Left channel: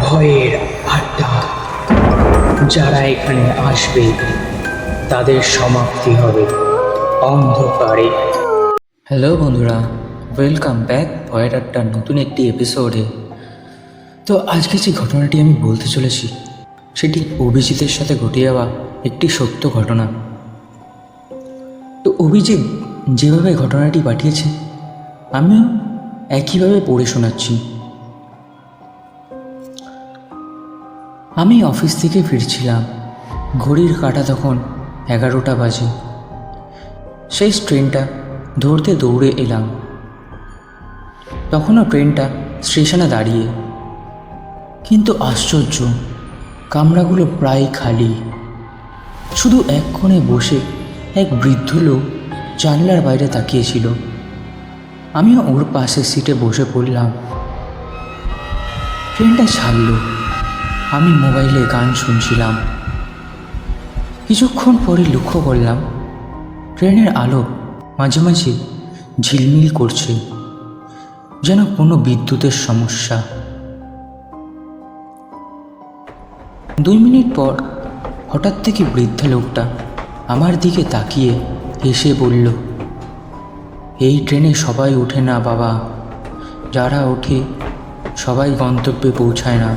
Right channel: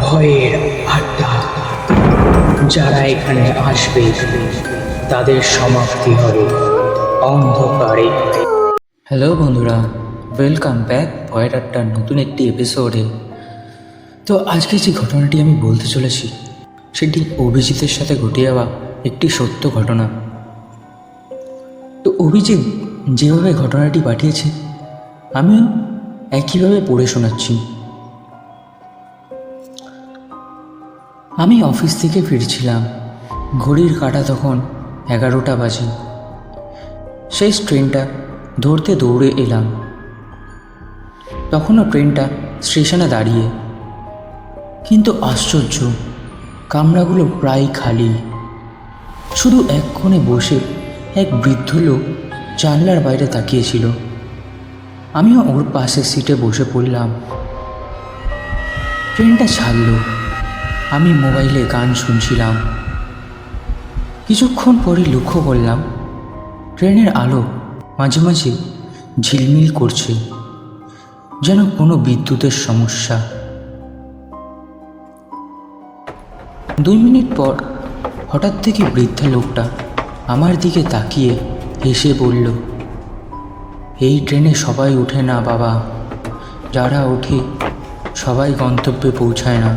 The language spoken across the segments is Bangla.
ভয়ের আড্ডা। যারা এখানে আসবে, তাদের সমাপ্তি হবে অন্ধকারে। হ্যালো বন্ধুরা ওয়েলকাম ব্যাক ভয়ের আড্ডার নতুন একটি এপিসোডে তো আজকে যে ঘটনাটি আমি বলতে চলেছি, সেটি অভিজিতের সাথে ঘটে যাওয়া একটি সত্য ঘটনা। তো অভিজিৎ যেভাবে ঘটনাটি পাঠিয়েছে, আমি একইভাবে পড়ে শোনাচ্ছি। আমি অফিস থেকে ফিরছিলাম। ঘড়ির কাঁটা তখন এগারোটা বাজে। সেই ট্রেনটা দৌড়তে দৌড়ে এলাম। তখনও ট্রেনটা স্টেশনে দাঁড়িয়ে। কিন্তু আশ্চর্য, কামরাগুলো প্রায় খালি। শুধু এক কোণে বসে এক বৃদ্ধ লোক জানলার বাইরে তাকিয়েছিল। আমিও ওর পাশের সিটে বসে পড়লাম। ট্রেনটা ছাড়লো। আমি মোবাইলে গান শুনছিলাম। কিছুক্ষণ পরে লক্ষ্য করলাম, ট্রেনের আলো মাঝে মাঝে ঝিলমিল করছে, যেন কোনো বিদ্যুতের সমস্যা। দুই মিনিট পর হঠাৎ থেকে বৃদ্ধা লোকটা আমার দিকে তাকিয়ে এসে বলল, এই ট্রেনে সবাই ওঠে না বাবা। যারা ওঠে সবাই গন্তব্যে পৌঁছায় না।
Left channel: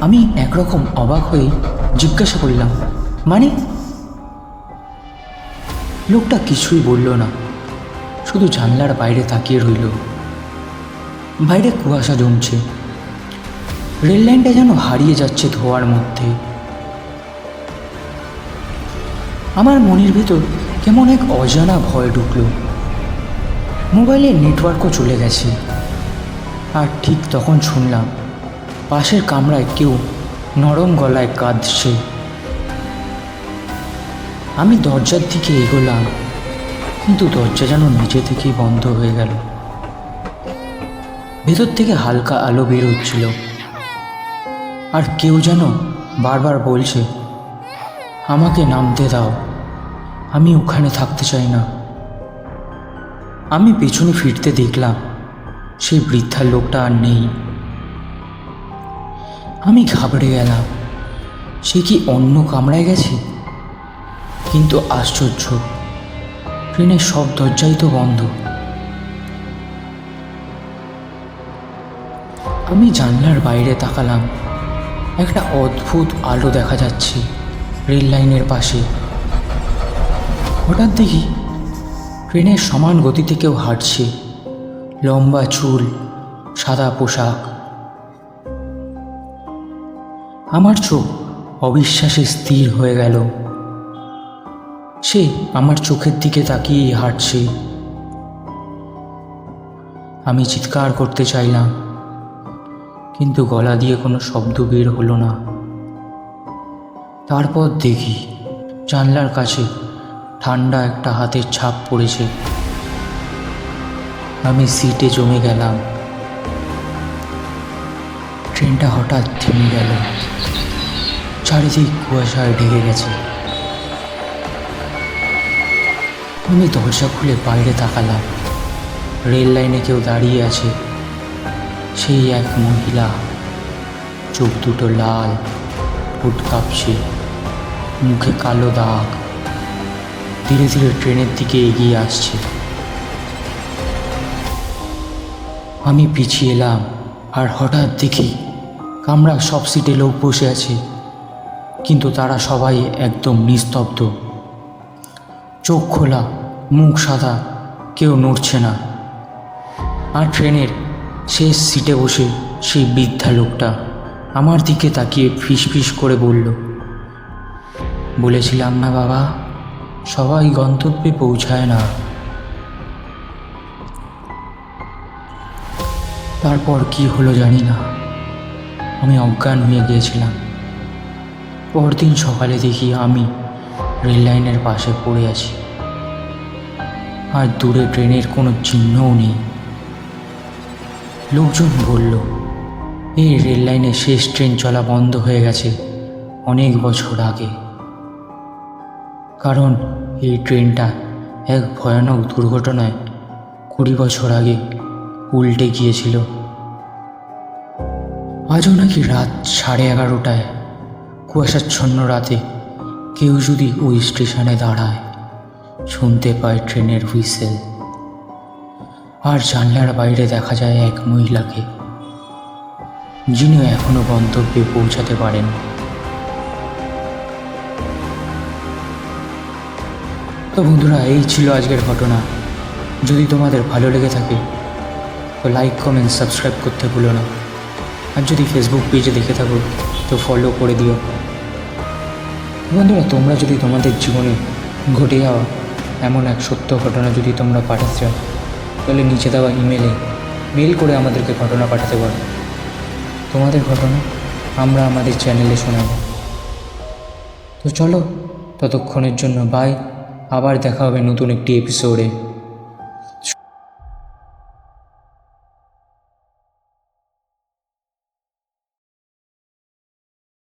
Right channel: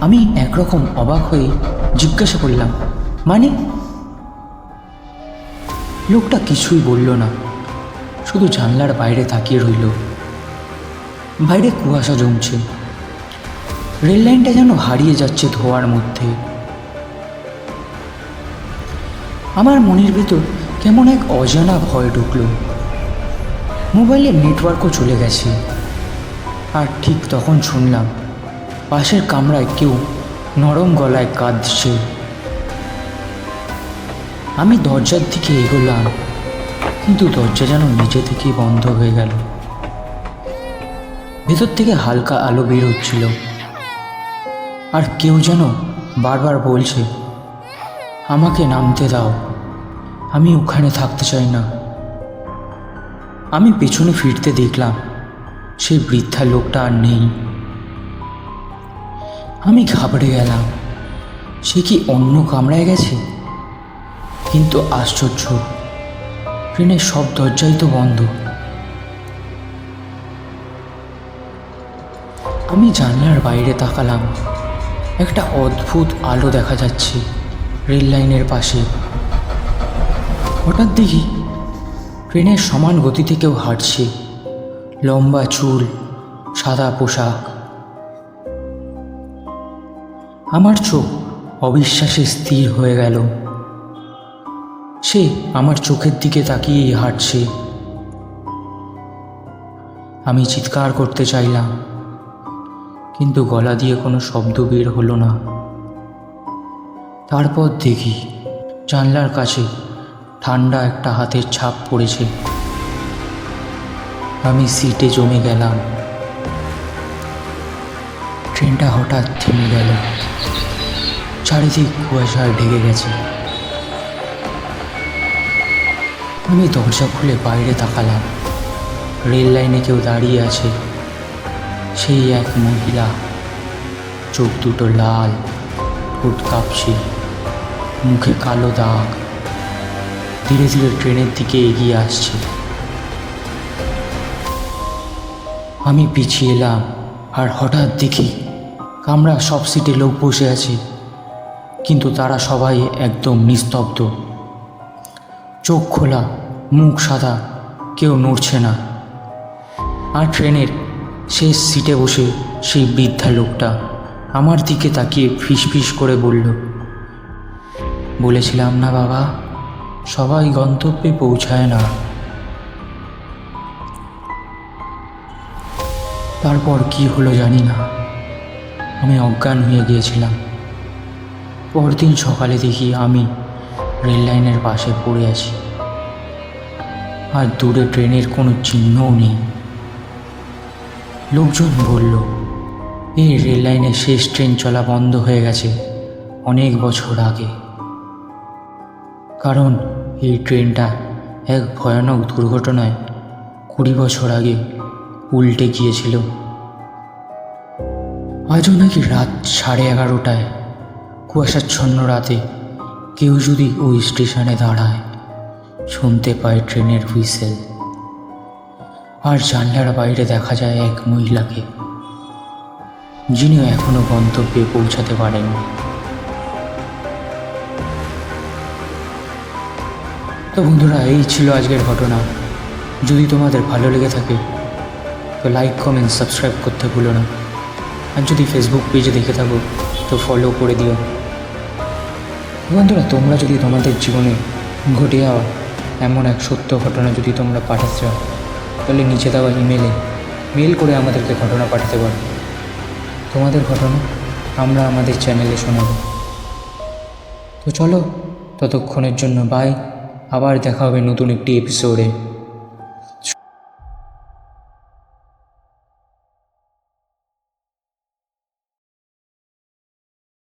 আমি একরকম অবাক হয়ে জিজ্ঞাসা করলাম মানে? লোকটা কিছুই বলল না, শুধু জানলার বাইরে তাকিয়ে রইল। বাইরে কুয়াশা জমছে। রেল লাইনটা যেন হারিয়ে যাচ্ছে ধোয়ার মধ্যে। আমার মনের ভেতর কেমন এক অজানা ভয় ঢুকলো। মোবাইলের নেটওয়ার্কও চলে গেছে। আর ঠিক তখন শুনলাম পাশের কামরায় কেউ নরম গলায় কাঁদছে। আমি দরজার দিকে এগোলাম, কিন্তু দরজা যেন নিচে থেকেই বন্ধ হয়ে গেল। ভেতর থেকে হালকা আলো বেরোচ্ছিল। আর কেউ যেন বারবার বলছে, আমাকে নামতে দাও, আমি ওখানে থাকতে চাই না। আমি পেছনে ফিরতে দেখলাম, সেই বৃদ্ধা লোকটা আর নেই। আমি ঘাবড়ে গেলাম। সে কি অন্য কামড়ায় গেছে? কিন্তু আশ্চর্য, ট্রেনের সব দরজাই তো বন্ধ। আমি জানলার বাইরে তাকালাম। একটা অদ্ভুত আলো দেখা যাচ্ছে রেল লাইনের পাশে। হঠাৎ দেখি ট্রেনের সমান গতিতে কেউ হাঁটছে। লম্বা চুল, সাদা পোশাক আমার চোখ অবিশ্বাসে স্থির হয়ে গেল। সে আমার চোখের দিকে তাকিয়েই হাঁটছে। আমি চিৎকার করতে চাইলাম, কিন্তু গলা দিয়ে কোনো শব্দ বের হলো না। তারপর দেখি জানলার কাছে ঠান্ডা একটা হাতের ছাপ পড়েছে। আমি সিটে জমে গেলাম। ট্রেনটা হঠাৎ থেমে গেল। চারিদিক কুয়াশায় ঢেকে গেছে। আমি দরজা খুলে বাইরে তাকালাম। রেল লাইনে কেউ দাঁড়িয়ে আছে। সেই এক মহিলা, চোখ দুটো লাল, ঠোঁট কাঁপছে, মুখে কালো দাগ। ধীরে ধীরে ট্রেনের দিকে এগিয়ে আসছে। আমি পিছিয়ে এলাম আর হঠাৎ দেখি কামরা সব সিটে লোক বসে আছে, কিন্তু তারা সবাই একদম নিস্তব্ধ। চোখ খোলা, মুখ সাদা, কেউ নড়ছে না। আর ট্রেনের শেষ সিটে বসে সেই বৃদ্ধা লোকটা আমার দিকে তাকিয়ে ফিস ফিস করে বলল, বলেছিলাম না বাবা, সবাই গন্তব্যে পৌঁছায় না। তারপর কি হলো জানি না। আমি অজ্ঞান হয়ে গিয়েছিলাম। পরদিন সকালে দেখি আমি রেল লাইনের পাশে পড়ে আছি। আর দূরে ট্রেনের কোনো চিহ্নও নেই। লোকজন বলল, এই রেল লাইনে শেষ ট্রেন চলা বন্ধ হয়ে গেছে অনেক বছর আগে। কারণ এই ট্রেনটা এক ভয়ানক দুর্ঘটনায় কুড়ি বছর আগে উল্টে গিয়েছিল। আজও নাকি রাত সাড়ে এগারোটায়? কুয়াশাচ্ছন্ন রাতে কেউ যদি ওই স্টেশনে দাঁড়ায়, শুনতে পায় ট্রেনের হুইসেল। আর জানলার বাইরে দেখা যায় এক মহিলাকে, যিনি এখনও গন্তব্যে পৌঁছাতে পারেন তো বন্ধুরা, এই ছিল আজকের ঘটনা। যদি তোমাদের ভালো লেগে থাকে, তো লাইক কমেন্ট সাবস্ক্রাইব করতে ভুলো না। আর যদি ফেসবুক পেজে দেখে থাকো, তো ফলো করে দিও। বন্ধুরা, তোমরা যদি তোমাদের জীবনে ঘটে যাওয়া এমন এক সত্য ঘটনা যদি তোমরা পাঠাতে চাও, তাহলে নিচে দেওয়া ইমেলে মেল করে আমাদেরকে ঘটনা পাঠাতে পারো। তোমাদের ঘটনা আমরা আমাদের চ্যানেলে শোনাব। তো চলো, ততক্ষণের জন্য বাই আবার দেখা হবে নতুন একটি এপিসোডে